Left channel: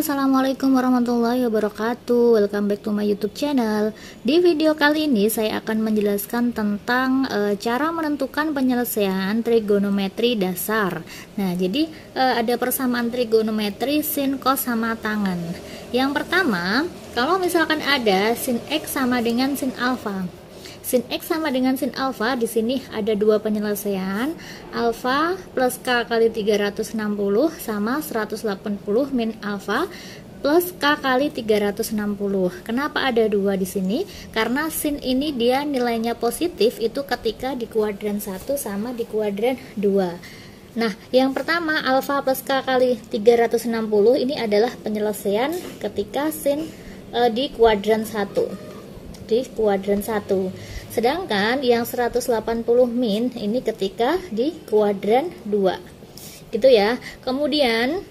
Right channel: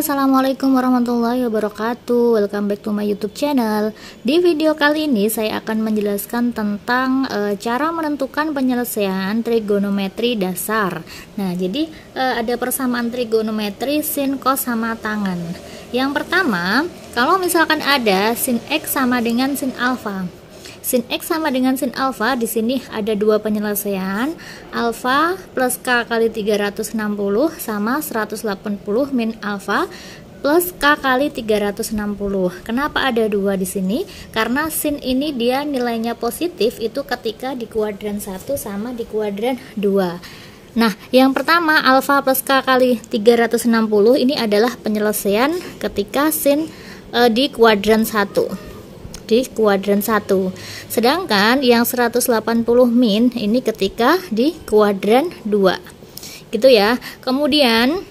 Assalamualaikum warahmatullahi wabarakatuh. Welcome back to my YouTube channel. Di video kali ini saya akan menjelaskan tentang cara menentukan penyelesaian trigonometri dasar. Nah, jadi ada persamaan trigonometri sin, cos, sama tangen. Yang pertama, kalau misalkan ada sin X sama dengan sin alfa. Sin X sama dengan sin alfa, di sini ada dua penyelesaian, alfa plus K kali 360 sama 180 min alfa plus K kali 360. Kenapa ada dua di sini? Karena sin ini dia nilainya positif itu ketika di kuadran 1 sama di kuadran 2. Nah, yang pertama alfa plus K kali 360 ini adalah penyelesaian ketika sin di kuadran 1. Di kuadran 1. Sedangkan yang 180 min ini ketika di kuadran 2. Gitu ya. Kemudian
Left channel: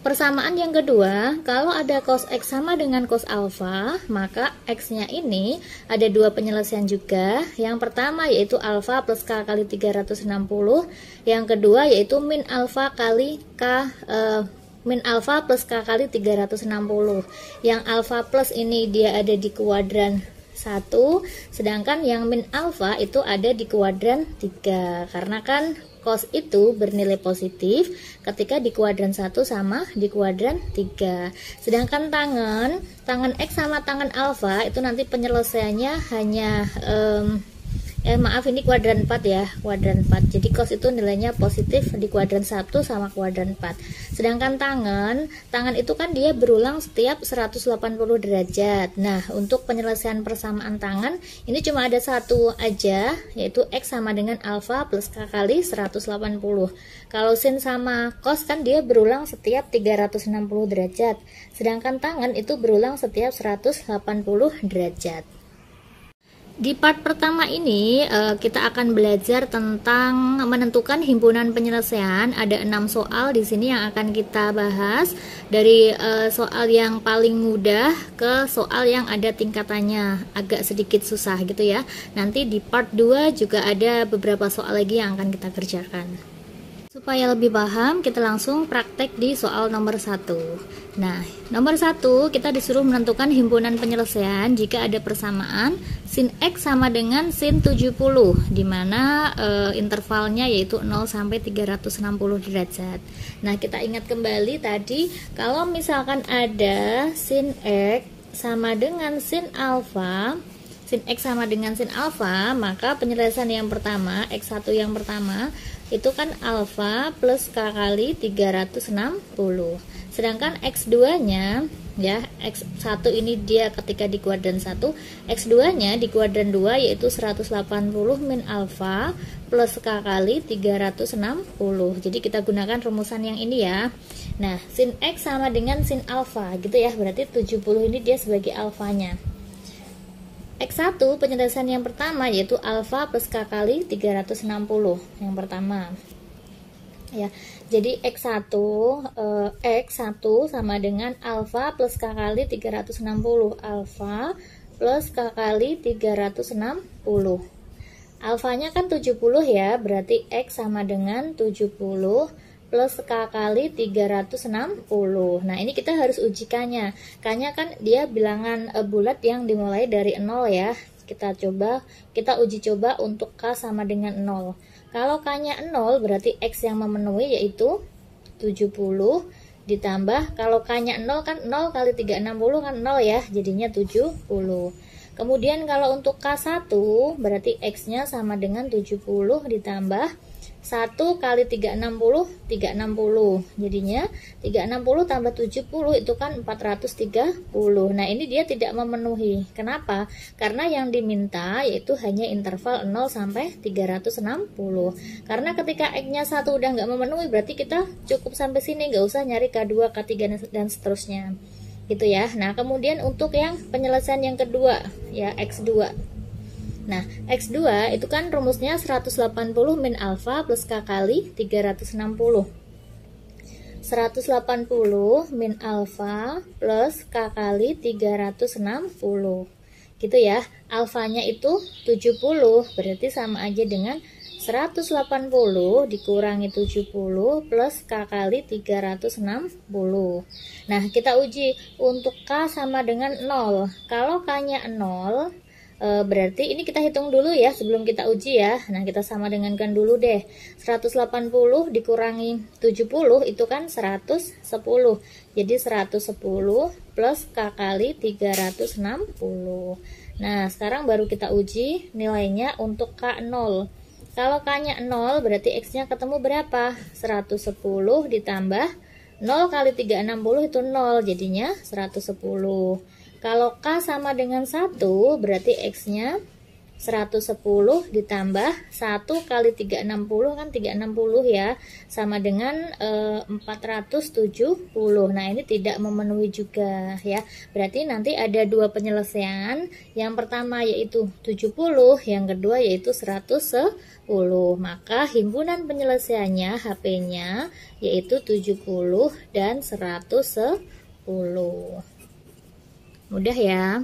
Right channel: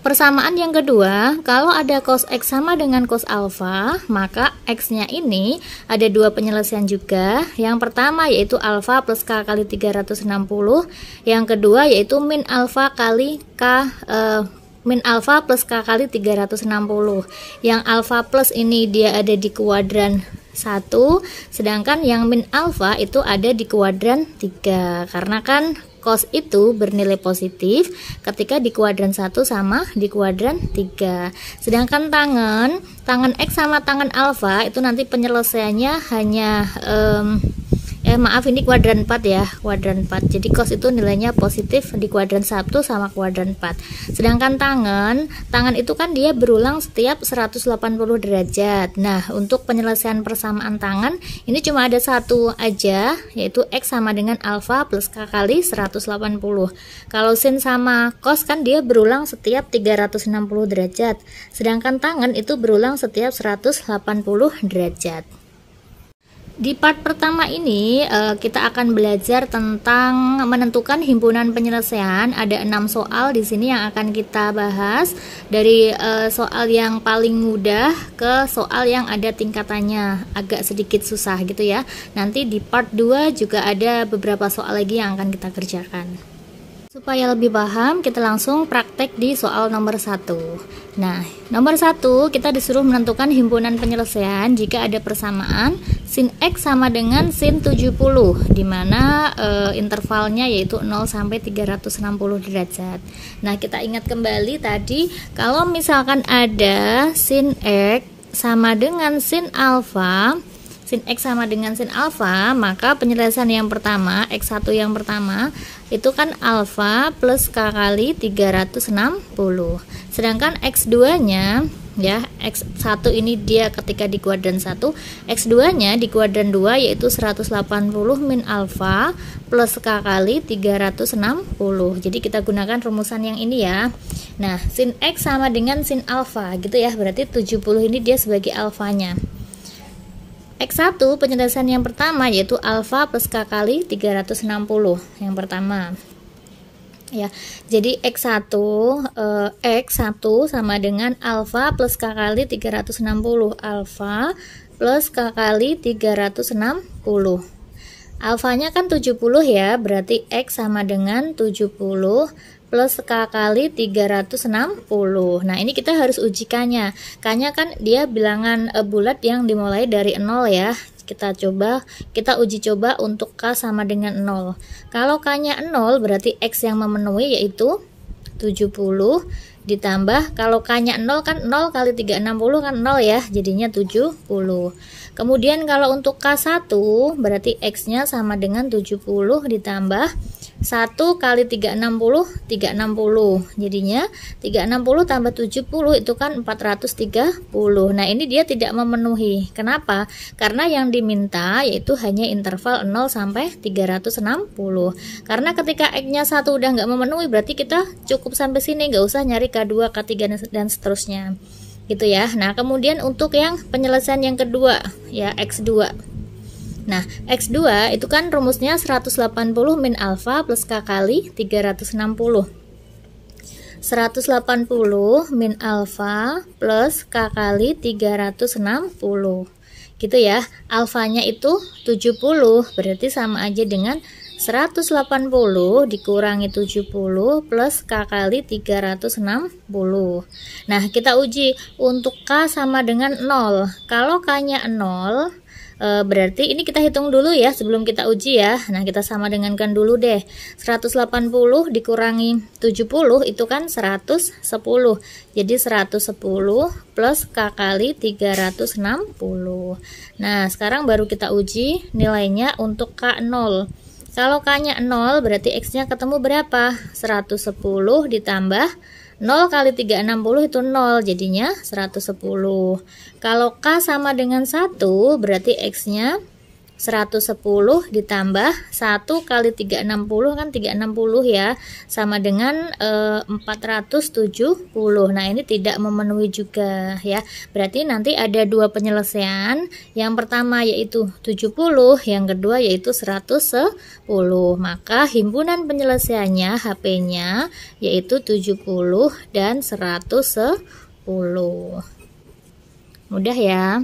persamaan yang kedua, kalau ada cos X sama dengan cos alfa, maka X-nya ini ada dua penyelesaian juga. Yang pertama yaitu alfa plus K kali 360. Yang kedua yaitu min alfa kali K min alfa plus K kali 360. Yang alfa plus ini dia ada di kuadran 1, sedangkan yang min alfa itu ada di kuadran 3. Karena kan cos itu bernilai positif ketika di kuadran 1 sama di kuadran 3. Sedangkan tangen X sama tangen alfa itu nanti penyelesaiannya hanya maaf, ini kuadran 4 ya, kuadran 4. Jadi cos itu nilainya positif di kuadran 1 sama kuadran 4. Sedangkan tangen itu kan dia berulang setiap 180 derajat. Nah, untuk penyelesaian persamaan tangen ini cuma ada satu aja, yaitu X sama dengan alfa plus K kali 180. Kalau sin sama cos kan dia berulang setiap 360 derajat. Sedangkan tangen itu berulang setiap 180 derajat. Di part pertama ini kita akan belajar tentang menentukan himpunan penyelesaian. Ada 6 soal di sini yang akan kita bahas, dari soal yang paling mudah ke soal yang ada tingkatannya agak sedikit susah gitu ya. Nanti di part 2 juga ada beberapa soal lagi yang akan kita kerjakan. Supaya lebih paham, kita langsung praktek di soal nomor 1. Nah, nomor 1 kita disuruh menentukan himpunan penyelesaian jika ada persamaan sin X sama dengan sin 70, dimana intervalnya yaitu 0 sampai 360 derajat. Nah, kita ingat kembali tadi, kalau misalkan ada sin X sama dengan sin alfa, sin X sama dengan sin alfa, maka penyelesaian yang pertama, X1 yang pertama itu kan alfa plus K kali 360. Sedangkan X2 nya ya, X1 ini dia ketika di kuadran 1, X2 nya di kuadran 2 yaitu 180 min alfa plus K kali 360. Jadi kita gunakan rumusan yang ini ya. Nah, sin X sama dengan sin alfa gitu ya, berarti 70 ini dia sebagai alfanya. X1 penyelesaian yang pertama yaitu alfa plus K kali 360 yang pertama ya. Jadi X1 sama dengan alfa plus K kali 360, alfa plus K kali 360. Alfanya kan 70 ya, berarti X sama dengan 70 plus K kali 360. Nah, ini kita harus ujikannya. K-nya kan dia bilangan bulat yang dimulai dari 0 ya. Kita uji coba untuk K sama dengan 0. Kalau K-nya 0 berarti X yang memenuhi yaitu 70 ditambah, kalau K-nya 0 kan 0 kali 360 kan 0 ya, jadinya 70. Kemudian kalau untuk K1 berarti X-nya sama dengan 70 ditambah 1 kali 360, jadinya 360 tambah 70 itu kan 430. Nah, ini dia tidak memenuhi. Kenapa? Karena yang diminta yaitu hanya interval 0 sampai 360. Karena ketika X-nya 1 udah nggak memenuhi, berarti kita cukup sampai sini, nggak usah nyari K2, K3 dan seterusnya gitu ya. Nah, kemudian untuk yang penyelesaian yang kedua ya, X2. Nah, X2 itu kan rumusnya 180 min alfa plus K kali 360. 180 min alfa plus K kali 360. Gitu ya. Alfanya itu 70, berarti sama aja dengan 180 dikurangi 70 plus K kali 360. Nah, kita uji untuk K sama dengan 0. Kalau K-nya 0, berarti ini kita hitung dulu ya sebelum kita uji ya. Nah, kita sama dengankan dulu deh. 180 dikurangi 70 itu kan 110. Jadi 110 plus K kali 360. Nah, sekarang baru kita uji nilainya untuk K0. Kalau K-nya 0 berarti X-nya ketemu berapa? 110 ditambah 0 kali 360 itu 0, jadinya 110. Kalau K sama dengan 1 berarti X-nya 110 ditambah 1 kali 360 kan 360 ya, sama dengan 470. Nah, ini tidak memenuhi juga ya. Berarti nanti ada dua penyelesaian. Yang pertama yaitu 70, yang kedua yaitu 110. Maka himpunan penyelesaiannya HP-nya yaitu 70 dan 110. Mudah ya.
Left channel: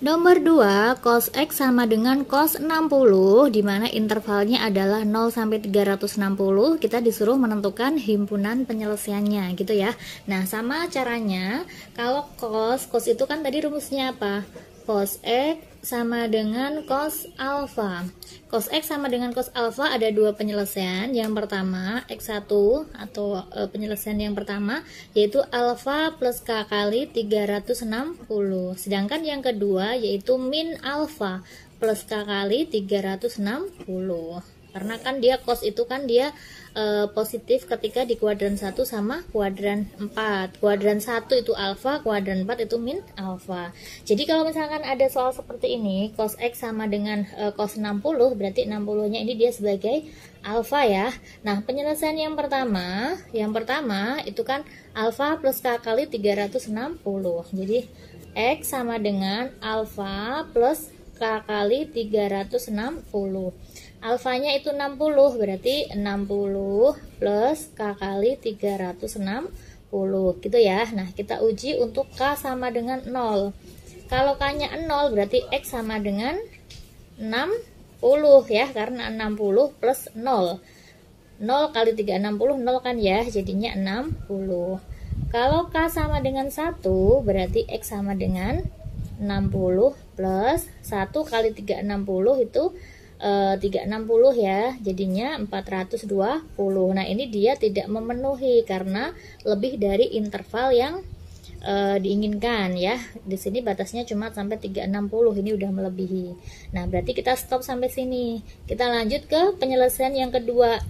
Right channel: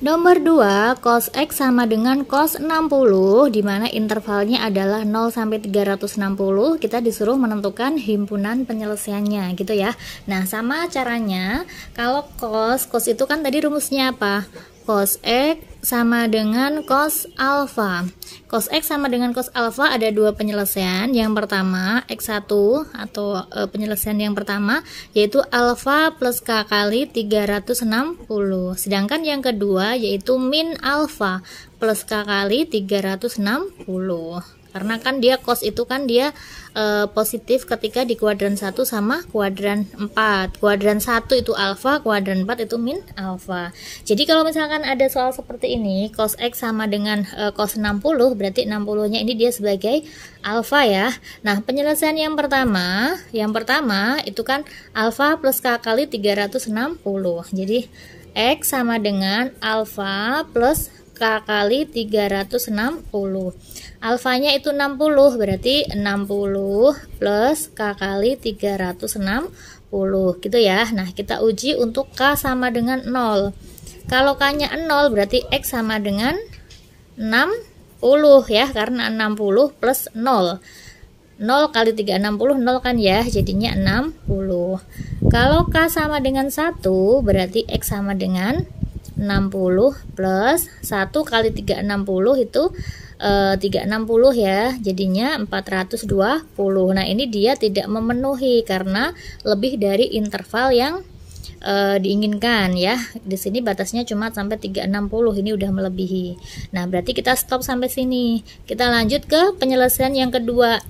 Nomor 2, cos X sama dengan cos 60, di mana intervalnya adalah 0 sampai 360. Kita disuruh menentukan himpunan penyelesaiannya gitu ya. Nah, sama caranya kalau cos itu kan tadi rumusnya apa? Cos X sama dengan cos alfa. Cos X sama dengan cos alfa ada dua penyelesaian. Yang pertama X1 atau penyelesaian yang pertama yaitu alfa plus K kali 360. Sedangkan yang kedua yaitu min alfa plus K kali 360. Karena kan dia cos itu kan dia positif ketika di kuadran 1 sama kuadran 4. Kuadran 1 itu alfa, kuadran 4 itu min alfa. Jadi kalau misalkan ada soal seperti ini, cos X sama dengan cos 60, berarti 60-nya ini dia sebagai alfa ya. Nah, penyelesaian yang pertama itu kan alfa plus K kali 360. Jadi X sama dengan alfa plus K kali 360. Alfanya itu 60, berarti 60 plus K kali 360 gitu ya. Nah, kita uji untuk K sama dengan 0. Kalau K-nya 0 berarti X sama dengan 60 ya, karena 60 plus 0. 0 kali 360 0 kan ya, jadinya 60. Kalau K sama dengan 1 berarti X sama dengan 60 plus 1 kali 360 itu 360 ya, jadinya 420. Nah, ini dia tidak memenuhi karena lebih dari interval yang diinginkan ya. Di sini batasnya cuma sampai 360, ini udah melebihi. Nah, berarti kita stop sampai sini. Kita lanjut ke penyelesaian yang kedua.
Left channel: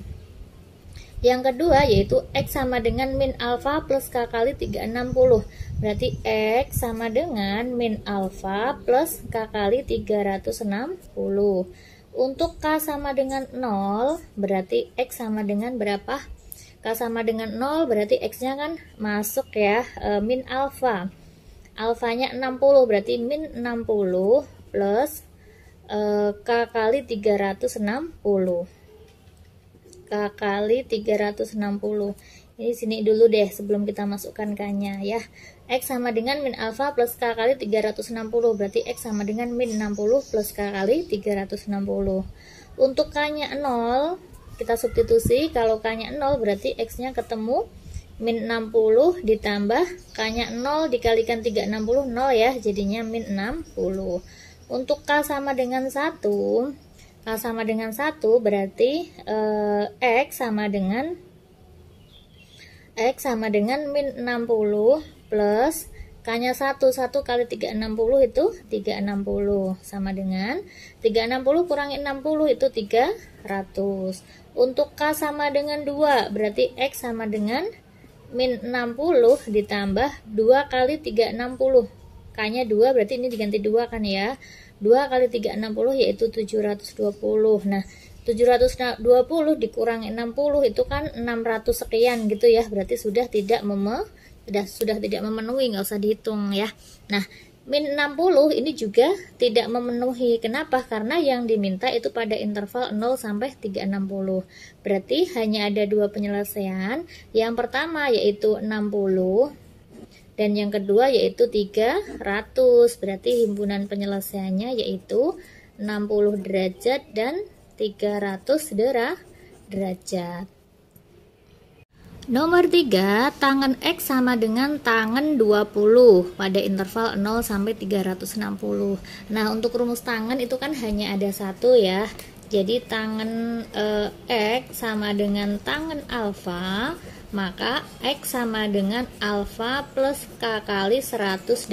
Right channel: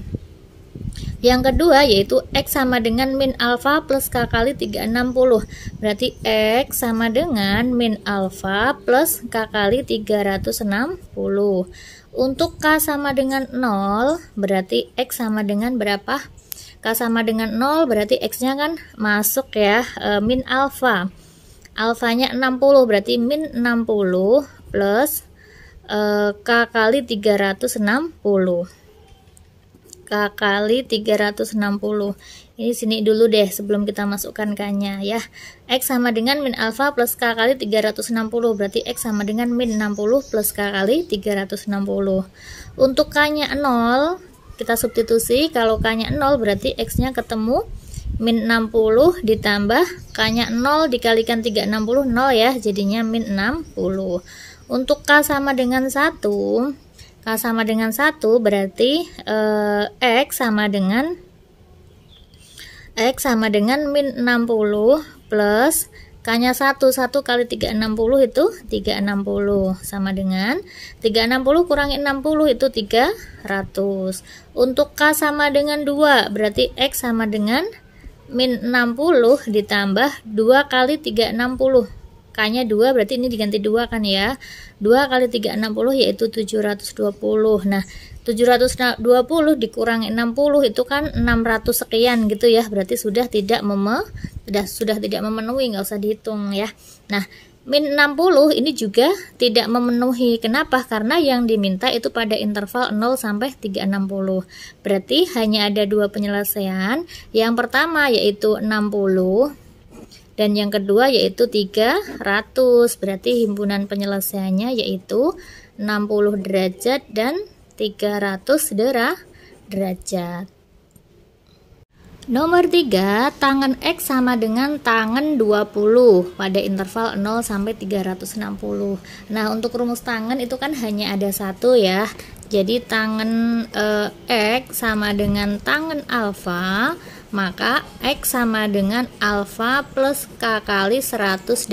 Yang kedua yaitu X sama dengan min alfa plus K kali 360. Berarti X sama dengan min alfa plus K kali 360. Untuk K sama dengan 0, berarti X sama dengan berapa? K sama dengan 0, berarti X-nya kan masuk ya, min alfa. Alfanya 60, berarti min 60 plus K kali 360. K kali 360. Ini sini dulu deh sebelum kita masukkan K-nya ya. X sama dengan min alfa plus K kali 360. Berarti X sama dengan min 60 plus K kali 360. Untuk K-nya 0, kita substitusi. Kalau K-nya 0 berarti X-nya ketemu min 60 ditambah K-nya 0 dikalikan 360 0 ya. Jadinya min 60. Untuk K sama dengan 1, K sama dengan 1 berarti X sama dengan min 60 plus K-nya 1 kali 360 itu 360 sama dengan 360 kurangi 60 itu 300. Untuk K sama dengan 2 berarti X sama dengan min 60 ditambah 2 kali 360. K-nya 2 berarti ini diganti 2 kan ya. 2 kali 360 yaitu 720. Nah, 720 dikurangi 60 itu kan 600 sekian gitu ya. Berarti sudah tidak memenuhi, nggak usah dihitung ya. Nah, min 60 ini juga tidak memenuhi. Kenapa? Karena yang diminta itu pada interval 0 sampai 360. Berarti hanya ada dua penyelesaian. Yang pertama yaitu 60 dan yang kedua yaitu 300. Berarti himpunan penyelesaiannya yaitu 60 derajat dan 300 derajat. Nomor 3, tangan X sama dengan tangan 20 pada interval 0 sampai 360. Nah, untuk rumus tangan itu kan hanya ada satu ya. Jadi tangan X sama dengan tangan alfa, maka X sama dengan alfa plus K kali 180.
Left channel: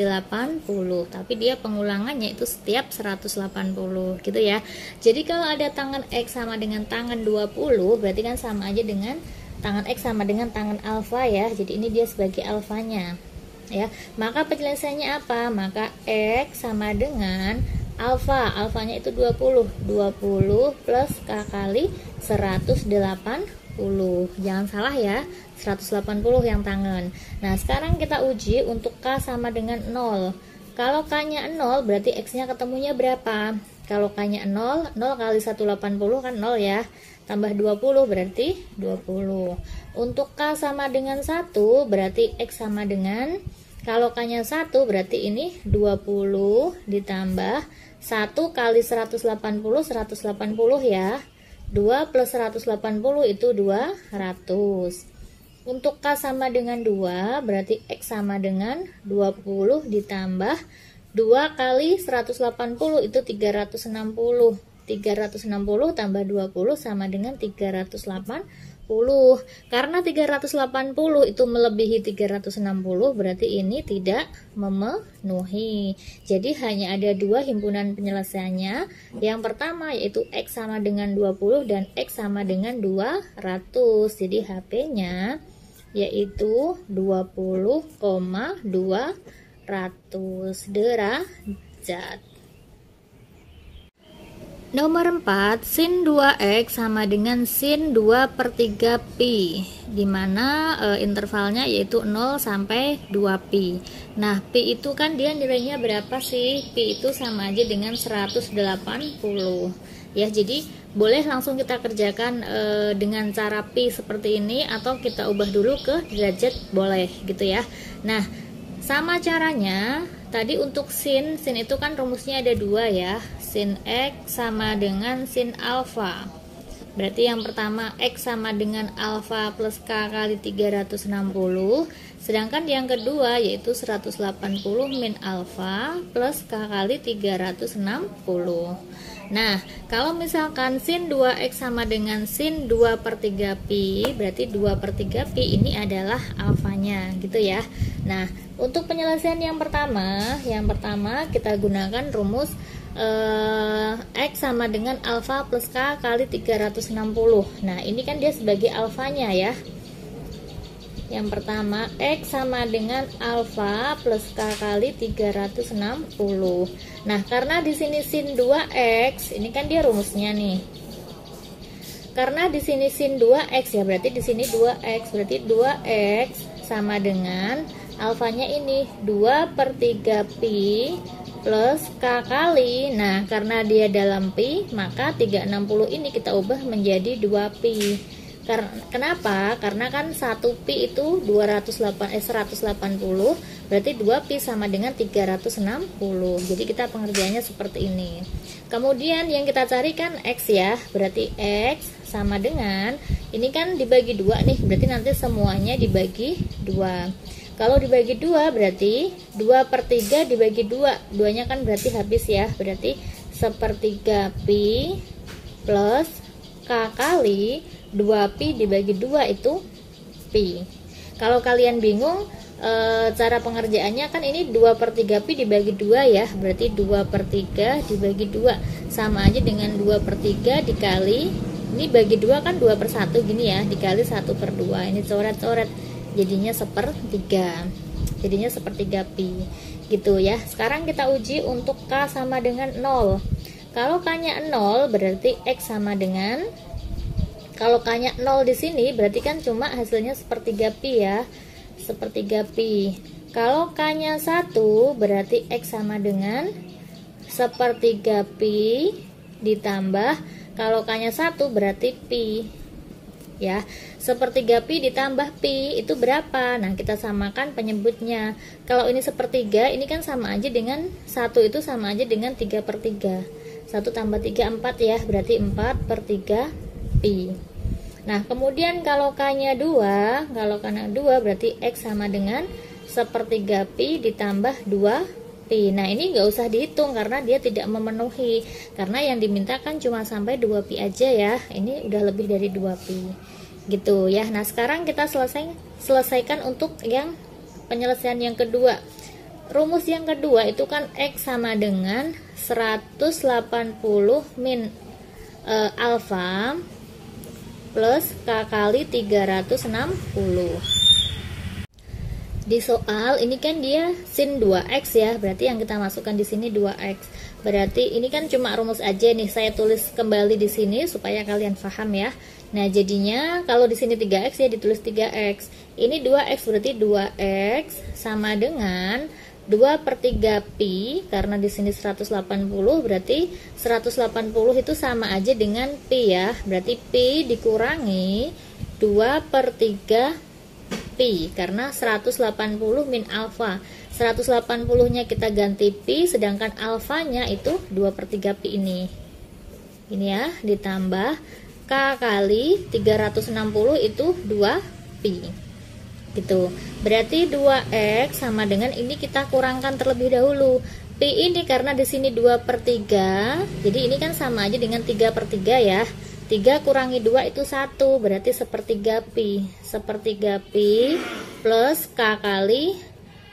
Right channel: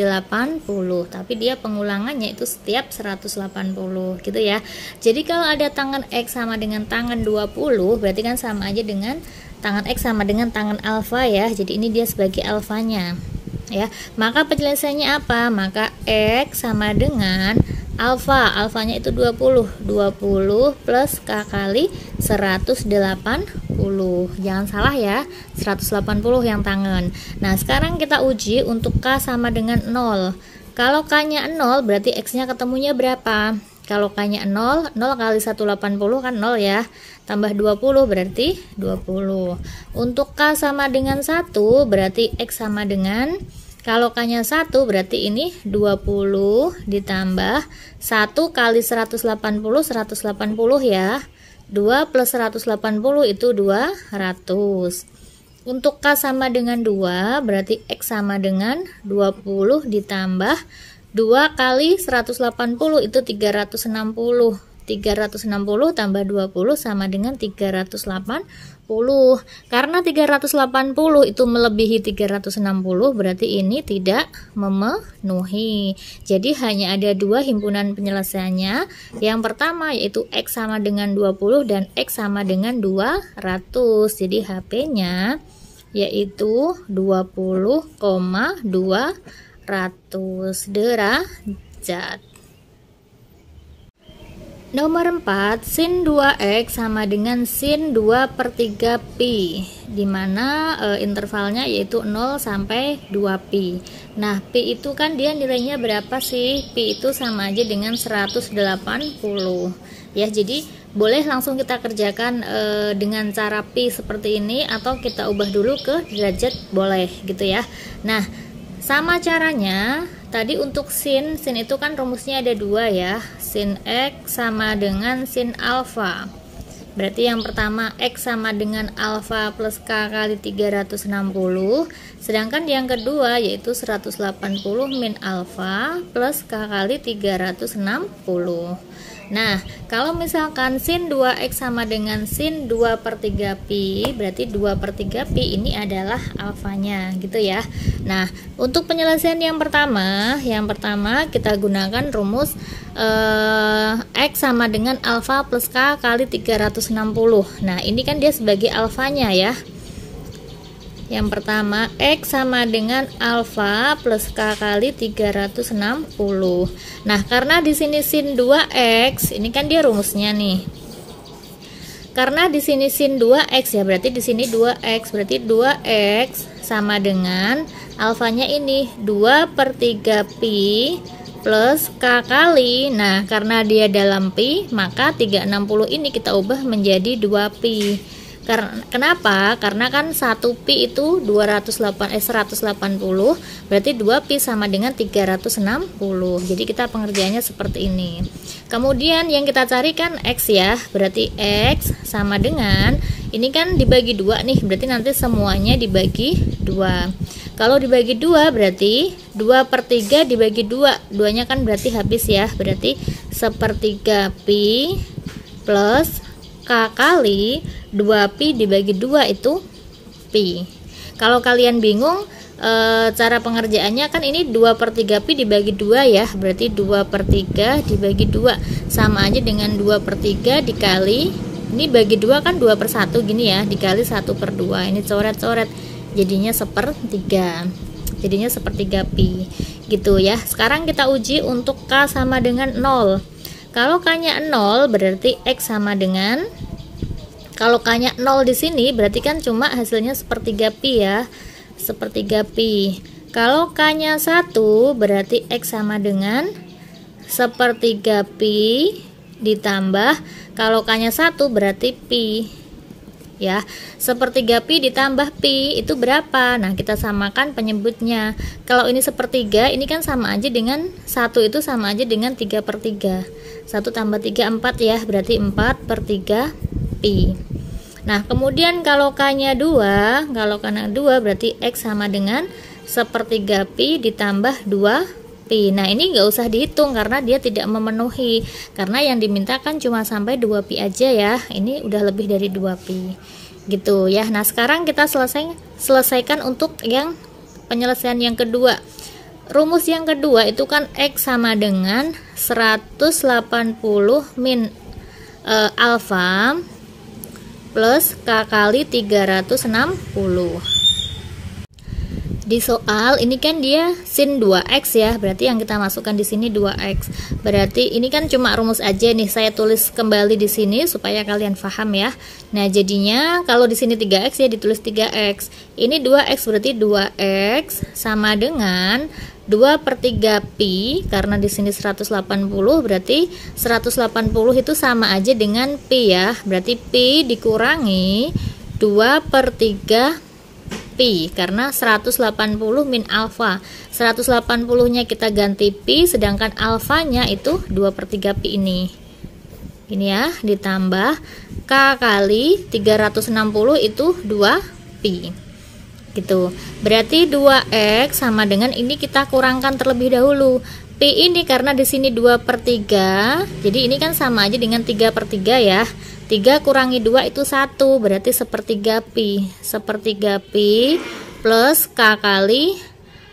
Tapi dia pengulangannya itu setiap 180 gitu ya. Jadi kalau ada tangan X sama dengan tangan 20, berarti kan sama aja dengan tangan X sama dengan tangan alfa ya. Jadi ini dia sebagai alfanya ya. Maka penyelesaiannya apa? Maka X sama dengan alfanya itu 20 plus K kali 180. Jangan salah ya, 180 yang tangan. Nah, sekarang kita uji untuk K sama dengan 0. Kalau K nya 0 berarti X nya ketemunya berapa? Kalau K nya 0 kali 180 kan 0 ya, tambah 20 berarti 20. Untuk K sama dengan 1 berarti X sama dengan, kalau K nya 1 berarti ini 20 ditambah 1 kali 180 ya. 2 plus 180 itu 200. Untuk K sama dengan 2 berarti X sama dengan 20 ditambah 2 kali 180 itu 360. 360 tambah 20 sama dengan 380. Karena 380 itu melebihi 360, berarti ini tidak memenuhi. Jadi hanya ada dua himpunan penyelesaiannya. Yang pertama yaitu X sama dengan 20 dan X sama dengan 200. Jadi HP-nya yaitu 20,200 derajat. Nomor 4, sin 2x sama dengan sin 2 per 3 pi, dimana intervalnya yaitu 0 sampai 2 pi. Nah, pi itu kan dia nilainya berapa sih? Pi itu sama aja dengan 180 ya. Jadi boleh langsung kita kerjakan dengan cara pi seperti ini, atau kita ubah dulu ke derajat, boleh gitu ya. Nah, sama caranya tadi untuk sin itu kan rumusnya ada dua ya, sin X sama dengan sin alfa. Berarti yang pertama X sama dengan alfa plus K kali 360, sedangkan yang kedua yaitu 180 min alfa plus K kali 360. Nah, kalau misalkan sin 2x sama dengan sin 2 per 3 pi, berarti 2 per 3 pi ini adalah alfanya gitu ya. Nah, untuk penyelesaian yang pertama kita gunakan rumus X sama dengan alfa plus K kali 360. Nah, ini kan dia sebagai alfanya ya. Yang pertama X sama dengan alfa plus K kali 360. Nah, karena di sini sin 2x, ini kan dia rumusnya nih. Karena di sini sin 2x ya, berarti di sini 2x, berarti 2x sama dengan alfanya ini 2 per 3 pi plus K kali. Nah, karena dia dalam pi, maka 360 ini kita ubah menjadi 2 pi. Kenapa? Karena kan 1 pi itu 180, berarti 2 pi sama dengan 360. Jadi kita pengerjaannya seperti ini. Kemudian yang kita cari kan X ya, berarti X sama dengan, ini kan dibagi 2 nih, berarti nanti semuanya dibagi 2. Kalau dibagi 2 berarti 2 per 3 dibagi 2, 2 nya kan berarti habis ya, berarti 1/3 pi plus K kali 2 pi dibagi 2 itu pi. Kalau kalian bingung cara pengerjaannya, kan ini 2 per 3 pi dibagi 2 ya, berarti 2 per 3 dibagi 2 sama aja dengan 2 per 3 dikali, ini bagi 2 kan 2 per 1 gini ya, dikali 1 per 2, ini coret-coret jadinya 1/3, jadinya 1/3 pi gitu ya. Sekarang kita uji untuk K sama dengan 0. Kalau K nya 0 berarti X sama dengan, kalau K nya 0 di sini berarti kan cuma hasilnya 1/3 pi ya, 1/3 pi. Kalau K nya 1 berarti X sama dengan 1/3 pi ditambah, kalau K nya 1 berarti pi. ya. Sepertiga pi ditambah pi itu berapa? Nah, kita samakan penyebutnya. Kalau ini sepertiga, ini kan sama aja dengan 1 itu sama aja dengan 3/3. 1 tambah 3 4 ya, berarti 4/3 pi. Nah, kemudian kalau k-nya 2, berarti x sama dengan sepertiga pi ditambah 2 pi. Nah, ini nggak usah dihitung karena dia tidak memenuhi, karena yang dimintakan cuma sampai 2 pi aja ya. Ini udah lebih dari 2 pi gitu ya. Nah, sekarang kita selesaikan untuk yang penyelesaian yang kedua. Rumus yang kedua itu kan x sama dengan 180 min alfa plus k kali 360. Di soal ini kan dia sin 2x ya, berarti yang kita masukkan di sini 2x. Berarti ini kan cuma rumus aja nih, saya tulis kembali di sini supaya kalian paham ya. Nah, jadinya kalau di sini 3x ya ditulis 3x. Ini 2x berarti 2x sama dengan 2/3 pi, karena di sini 180 berarti 180 itu sama aja dengan pi ya. Berarti pi dikurangi 2/3 pi, karena 180 min alfa. 180-nya kita ganti pi, sedangkan alfanya itu 2/3 pi ini. Ini ya, ditambah k kali 360 itu 2 pi. Gitu. Berarti 2x sama dengan ini kita kurangkan terlebih dahulu. Pi ini karena di sini 2/3, jadi ini kan sama aja dengan 3/3 ya. 3 kurangi 2 itu 1, berarti sepertiga pi. Sepertiga pi plus k kali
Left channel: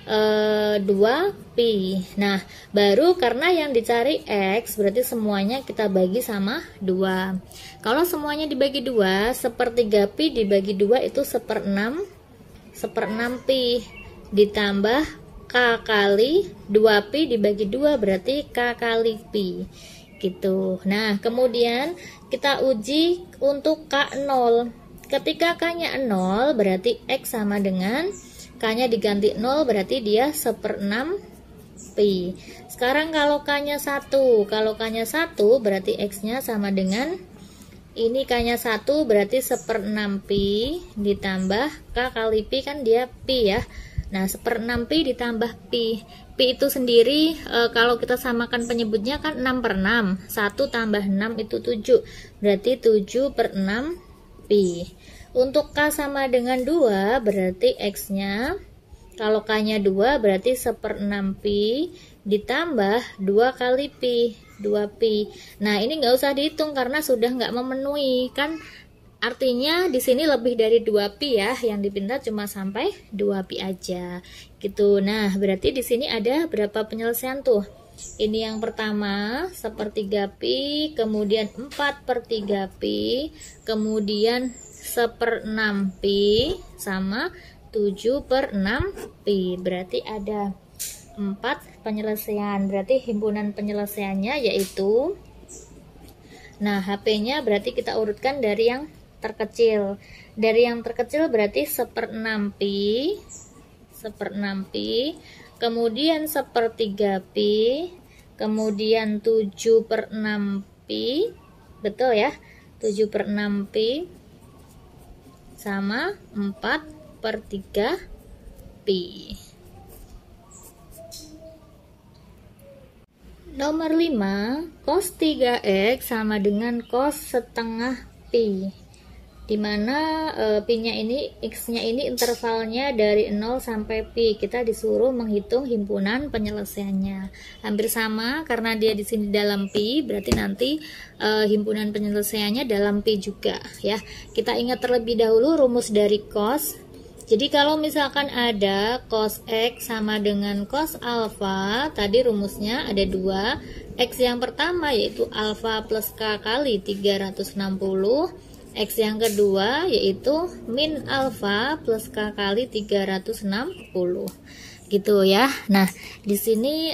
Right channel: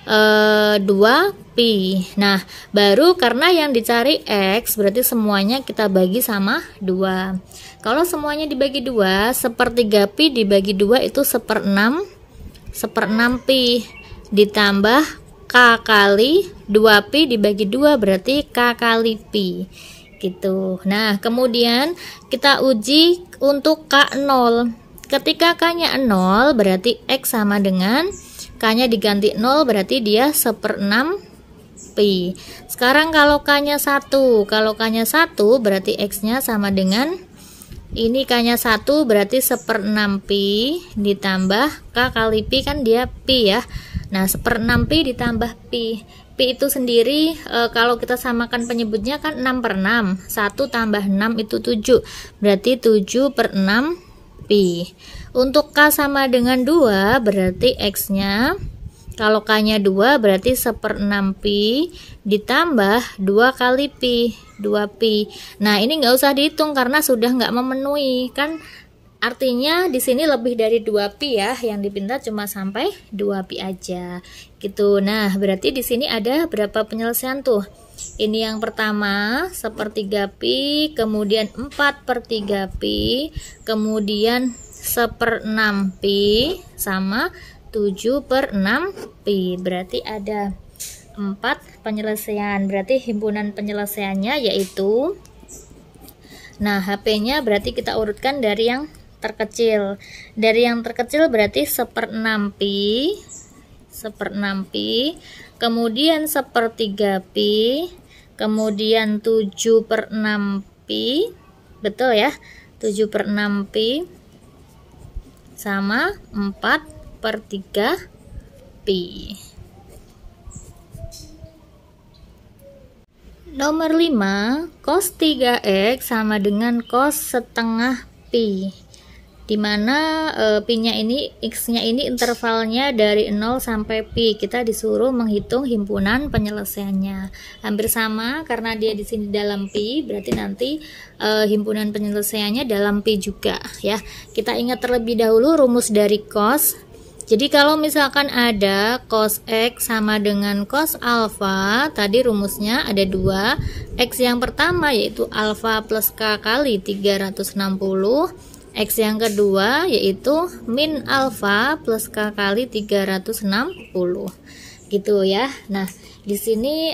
2 pi. Nah, baru karena yang dicari x, berarti semuanya kita bagi sama 2. Kalau semuanya dibagi 2, sepertiga pi dibagi 2 itu 1/6 pi ditambah k kali 2 pi dibagi 2 berarti k kali pi gitu. Nah, kemudian kita uji untuk k0. Ketika k-nya 0 berarti x sama dengan k-nya diganti 0 berarti dia 1/6 pi. Sekarang kalau k-nya 1, berarti x-nya sama dengan ini k-nya 1 berarti 1/6 pi ditambah k kali pi, kan dia pi ya. Nah, 1/6 pi ditambah pi. Pi itu sendiri kalau kita samakan penyebutnya kan 6/6. 1 tambah 6 itu 7. Berarti 7/6 pi. Untuk k sama dengan 2 berarti x-nya, kalau k-nya 2 berarti 1/6 pi ditambah 2 kali pi, 2 pi. Nah, ini nggak usah dihitung karena sudah nggak memenuhi. Kan artinya di sini lebih dari 2 pi ya, yang dipinta cuma sampai 2 pi aja. Gitu. Nah, berarti di sini ada berapa penyelesaian tuh? Ini yang pertama, sepertiga pi, kemudian 4/3 pi, kemudian 1/6 pi, sama 7/6 pi. Berarti ada 4 penyelesaian. Berarti himpunan penyelesaiannya yaitu, nah, HP-nya berarti kita urutkan dari yang terkecil. Dari yang terkecil berarti 1/6 pi, kemudian 1/3 pi, kemudian 7/6 pi, betul ya, 7/6 pi, sama 4/3 pi. Nomor 5, cos 3x sama dengan cos setengah pi, dimana pi-nya ini, x-nya ini intervalnya dari 0 sampai pi. Kita disuruh menghitung himpunan penyelesaiannya. Hampir sama karena dia di sini dalam pi, berarti nanti himpunan penyelesaiannya dalam pi juga ya. Kita ingat terlebih dahulu rumus dari cos. Jadi kalau misalkan ada cos x sama dengan cos alfa, tadi rumusnya ada 2. X yang pertama yaitu alfa plus k kali 360. X yang kedua yaitu min alfa plus k kali 360. Gitu ya. Nah, di sini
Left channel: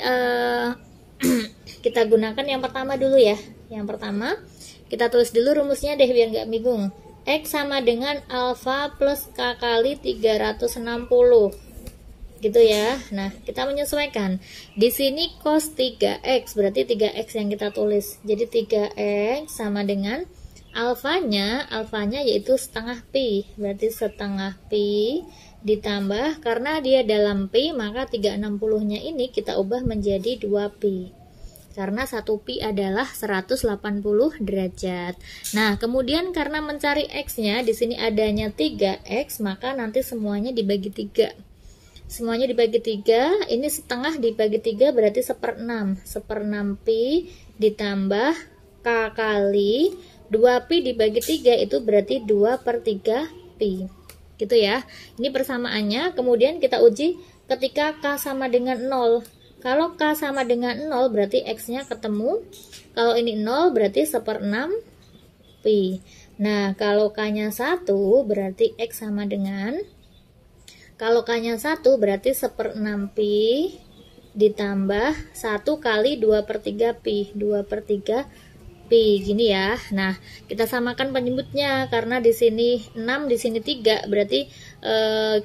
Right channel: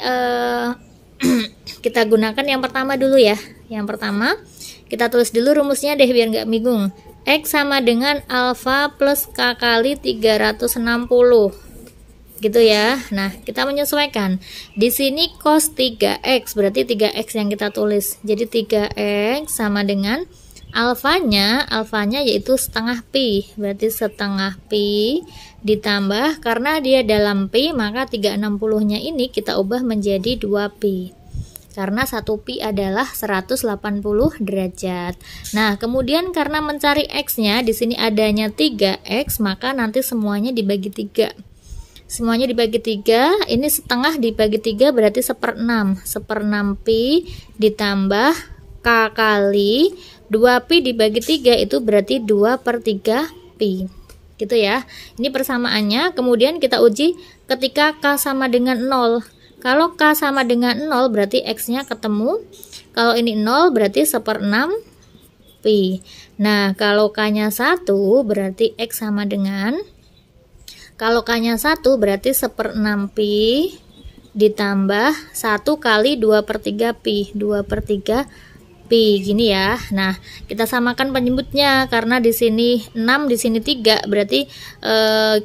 kita gunakan yang pertama dulu ya. Yang pertama kita tulis dulu rumusnya deh biar nggak bingung. X sama dengan alfa plus k kali 360. Gitu ya. Nah, kita menyesuaikan. Di sini cos 3x berarti 3x yang kita tulis. Jadi 3x sama dengan alfanya yaitu setengah pi, berarti setengah pi ditambah, karena dia dalam pi maka 360 nya ini kita ubah menjadi 2 pi, karena 1 pi adalah 180 derajat. Nah, kemudian karena mencari x-nya di sini adanya 3x, maka nanti semuanya dibagi 3. Semuanya dibagi 3, ini setengah dibagi 3 berarti 1/6. 1/6 pi ditambah k kali 2 pi dibagi 3 itu berarti 2/3 pi. Gitu ya. Ini persamaannya. Kemudian kita uji ketika k sama dengan 0. Kalau k sama dengan 0 berarti x-nya ketemu. Kalau ini 0 berarti 1/6 pi. Nah, kalau k-nya 1 berarti x sama dengan, kalau k-nya 1 berarti 1/6 pi ditambah 1 kali 2/3 pi. 2/3 pi gini ya. Nah, kita samakan penyebutnya karena di sini 6, di sini 3, berarti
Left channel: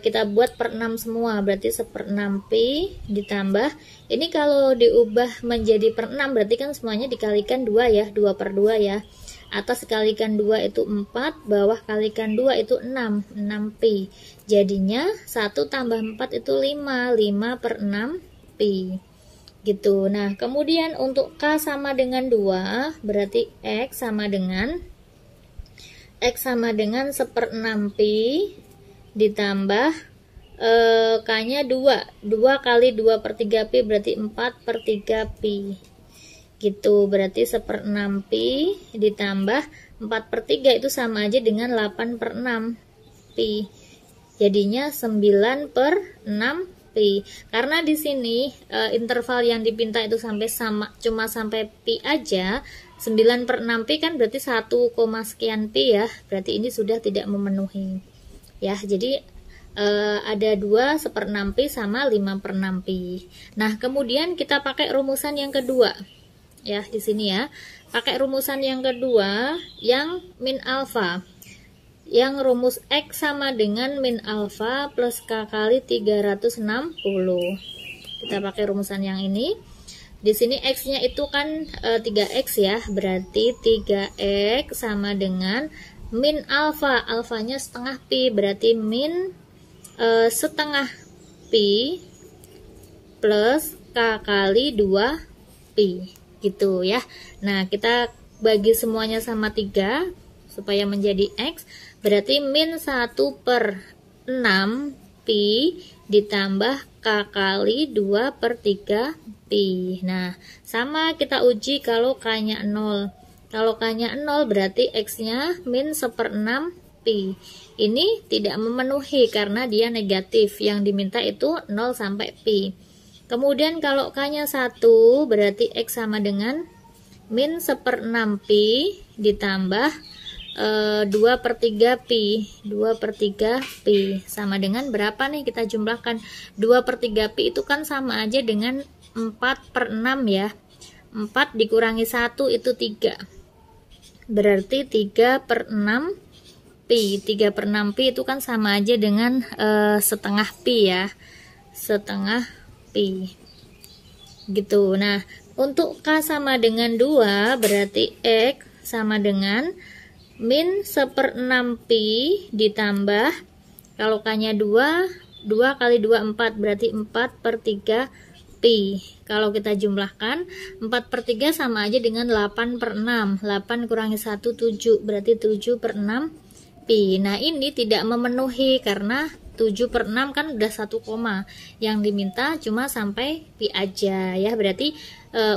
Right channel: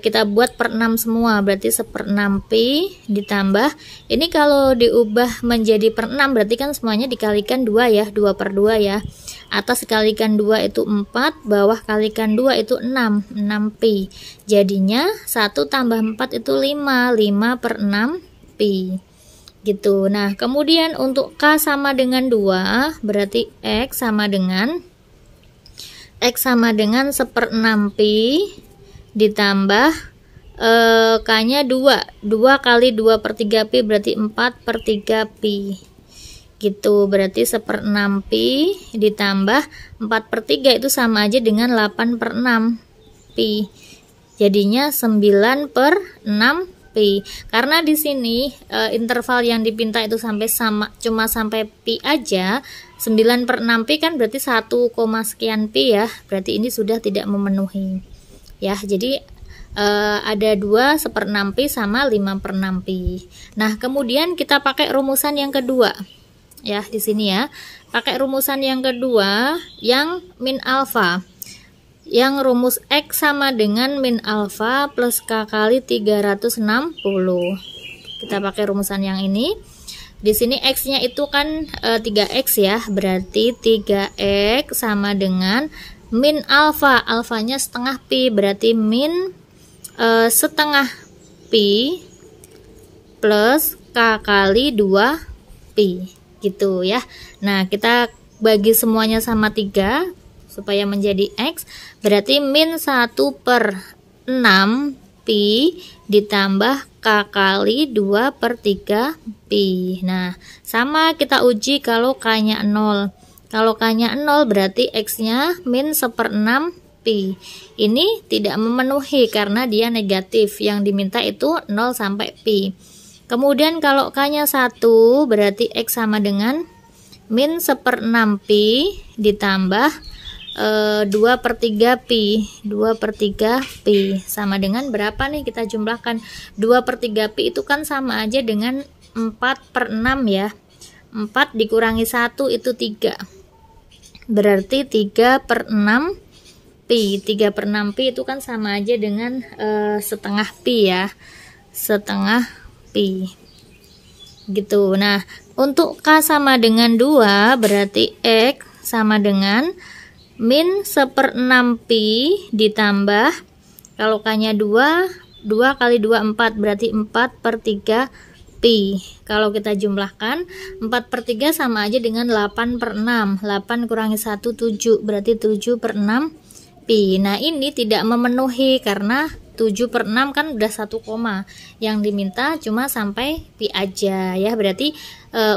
kita buat per 6 semua, berarti 1/6 pi ditambah, ini kalau diubah menjadi per 6 berarti kan semuanya dikalikan 2 ya, 2/2 ya. Atas kalikan 2 itu 4, bawah kalikan 2 itu 6 pi. Jadinya 1 tambah 4 itu 5/6 pi. Gitu. Nah, kemudian untuk k sama dengan 2, berarti x sama dengan 1/6 pi ditambah k-nya 2. 2 kali 2/3 pi berarti 4/3 pi. Gitu, berarti 1/6 pi ditambah 4/3 itu sama aja dengan 8/6 pi. Jadinya 9/6 pi. Karena di sini interval yang dipinta itu cuma sampai pi aja. 9/6 pi kan berarti 1, sekian pi ya. Berarti ini sudah tidak memenuhi. Ya, jadi ada 2 1/6 pi sama 5/6 pi. Nah, kemudian kita pakai rumusan yang kedua. Ya, di sini ya. Pakai rumusan yang kedua yang min alfa. Yang rumus x sama dengan min alfa plus k kali 360. Kita pakai rumusan yang ini. Di sini x-nya itu kan 3x ya, berarti 3x sama dengan min alfa. Alfanya setengah pi, berarti min setengah pi plus k kali 2 pi. Gitu ya. Nah, kita bagi semuanya sama 3 supaya menjadi x, berarti min 1/6 pi ditambah k kali 2/3 pi. Nah, sama kita uji kalau k-nya 0. Kalau k-nya 0 berarti x-nya min 1/6 pi. Ini tidak memenuhi karena dia negatif. Yang diminta itu 0 sampai pi. Kemudian kalau k-nya 1 berarti x sama dengan min 1/6 pi ditambah 2/3 pi. 2/3 pi sama dengan berapa nih, kita jumlahkan. 2/3 pi itu kan sama aja dengan 4/6 ya. 4 dikurangi 1 itu 3. Berarti 3/6 pi. 3/6 pi itu kan sama aja dengan setengah pi ya. Setengah pi. Gitu. Nah, untuk k sama dengan 2 berarti x sama dengan min 1/6 pi ditambah, kalau k-nya 2, 2 kali 2 4 berarti 4/3 pi. Kalau kita jumlahkan 4/3 sama aja dengan 8/6. 8 kurangi 1 7, berarti 7/6 pi. Nah, ini tidak memenuhi karena 7/6 kan udah 1 koma. Yang diminta cuma sampai pi aja ya. Berarti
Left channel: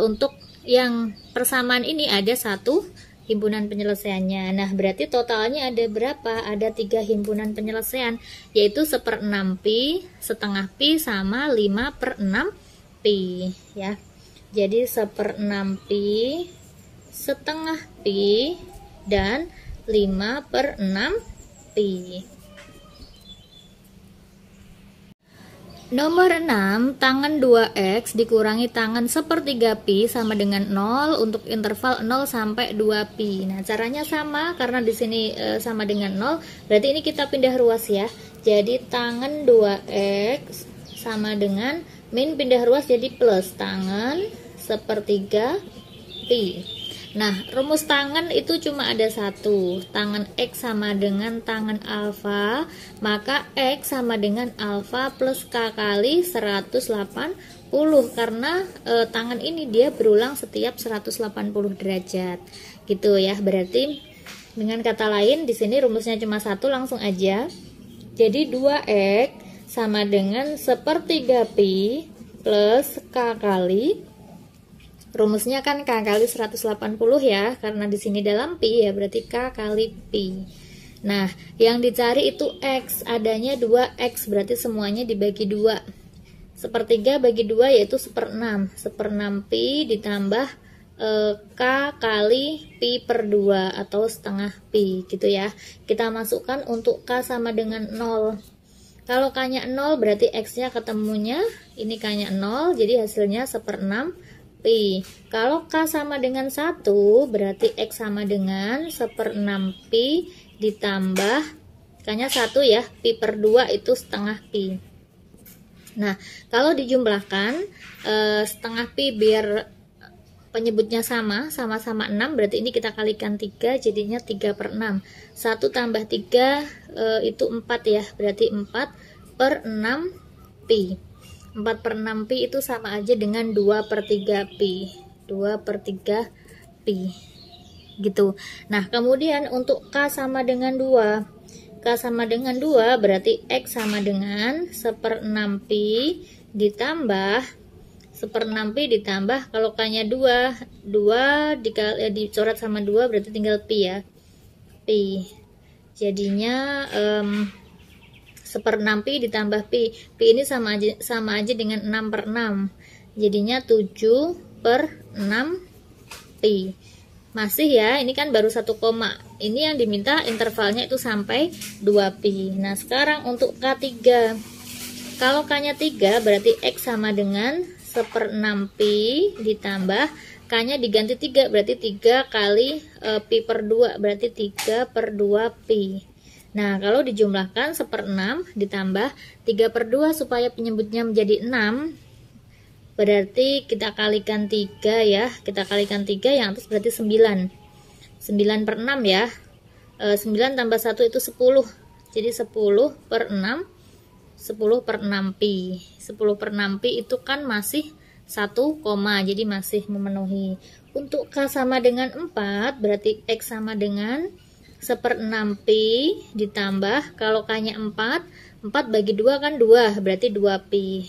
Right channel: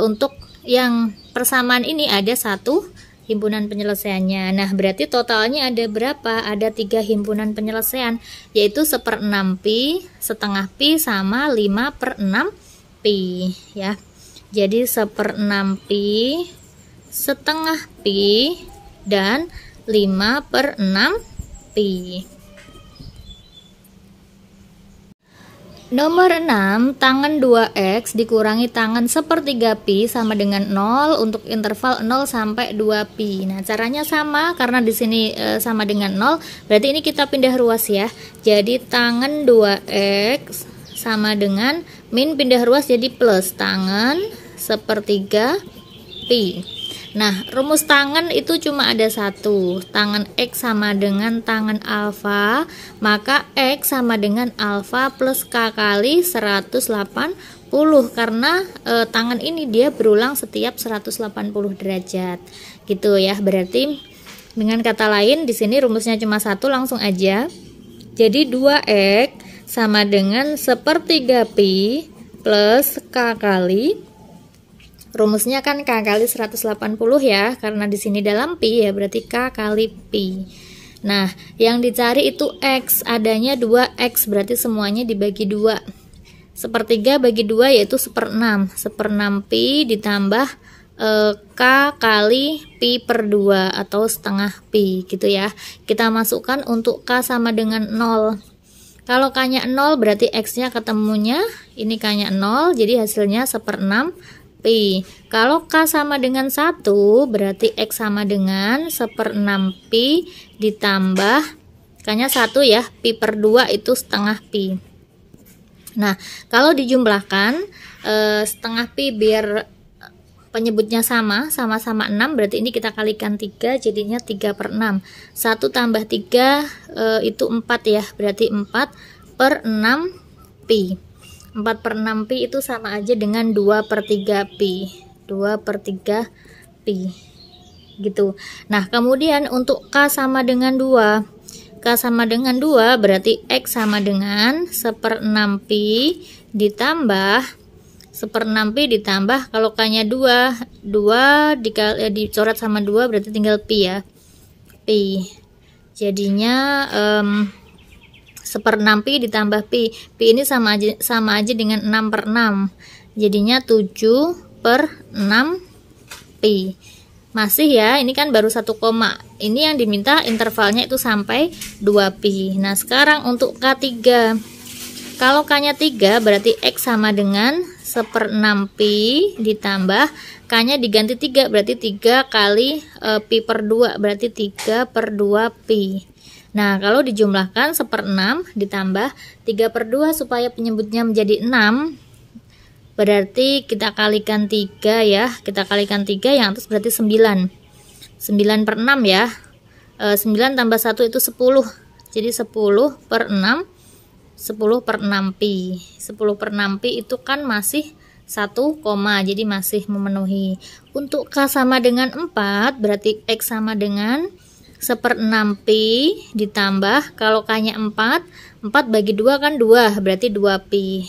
untuk yang persamaan ini ada 1 himpunan penyelesaiannya. Nah, berarti totalnya ada berapa? Ada 3 himpunan penyelesaian, yaitu 1/6 pi, setengah pi, sama 5/6 pi ya. Jadi 1/6 pi, setengah pi, dan 5/6 pi. Nomor 6, tangan 2x dikurangi tangan 1/3 pi sama dengan 0 untuk interval 0 sampai 2 pi. Nah, caranya sama karena di sini sama dengan 0, berarti ini kita pindah ruas ya. Jadi tangan 2x sama dengan min pindah ruas jadi plus tangan 1/3 pi. Nah, rumus tangen itu cuma ada satu. Tangen X sama dengan tangen alfa, maka X sama dengan alfa plus K kali 180, karena tangen ini dia berulang setiap 180 derajat. Gitu ya. Berarti dengan kata lain di sini rumusnya cuma satu, langsung aja. Jadi 2X sama dengan 1/3 pi plus K kali, rumusnya kan K kali 180 ya, karena di sini dalam pi ya, berarti K kali pi. Nah, yang dicari itu X, adanya 2X, berarti semuanya dibagi 2. 1/3 bagi 2 yaitu 1/6. 1/6 pi ditambah K kali pi per 2 atau setengah pi gitu ya. Kita masukkan untuk K sama dengan 0. Kalau K-nya 0 berarti X-nya ketemunya, ini K-nya 0, jadi hasilnya 1/6 pi. Kalau K sama dengan 1 berarti X sama dengan 1/6 pi ditambah K-nya 1 ya, pi per 2 itu setengah pi. Nah, kalau dijumlahkan setengah pi biar penyebutnya sama-sama 6, berarti ini kita kalikan 3, jadinya 3/6. 1 tambah 3 itu 4 ya, berarti 4/6 pi. 4/6 pi itu sama aja dengan 2/3 pi. 2/3 pi. Gitu. Nah, kemudian untuk K sama dengan 2. K sama dengan 2 berarti X sama dengan 1/6 pi ditambah 1/6 pi ditambah, kalau K-nya 2 dicoret sama 2 berarti tinggal pi ya. Pi. Jadinya 1/6 pi ditambah pi. Pi ini sama aja dengan 6/6. Jadinya 7/6 pi. Masih ya, ini kan baru 1 koma. Ini yang diminta intervalnya itu sampai 2 pi. Nah, sekarang untuk K3. Kalau K-nya 3 berarti X sama dengan 1/6 pi ditambah K-nya diganti 3, berarti 3 kali pi per 2, berarti 3/2 pi. Nah, kalau dijumlahkan 1/6 ditambah 3/2 supaya penyebutnya menjadi 6, berarti kita kalikan 3 ya. Kita kalikan 3, yang atas berarti 9. 9/6 ya. 9 tambah 1 itu 10. Jadi 10/6. 10/6 pi. 10/6 pi itu kan masih 1 koma, jadi masih memenuhi. Untuk K sama dengan 4 berarti X sama dengan 1/6 pi ditambah, kalau K-nya 4 bagi 2 kan 2, berarti 2 pi.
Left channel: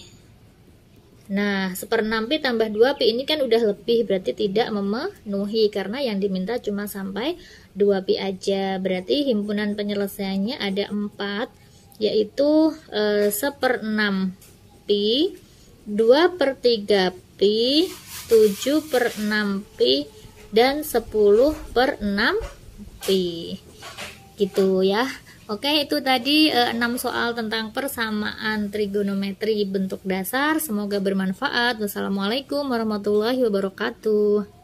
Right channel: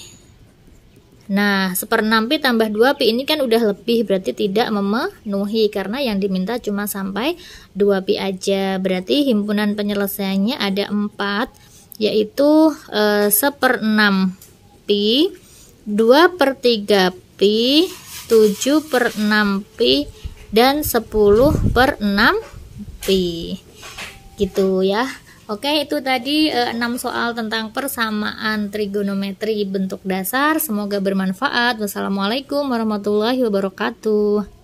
Nah, 1/6 pi tambah 2 pi ini kan udah lebih, berarti tidak memenuhi karena yang diminta cuma sampai 2 pi aja. Berarti himpunan penyelesaiannya ada 4, yaitu 1/6 pi, 2/3 pi, 7/6 pi, dan 10/6 pi. Gitu ya. Oke, itu tadi 6 soal tentang persamaan trigonometri bentuk dasar. Semoga bermanfaat. Wassalamualaikum warahmatullahi wabarakatuh.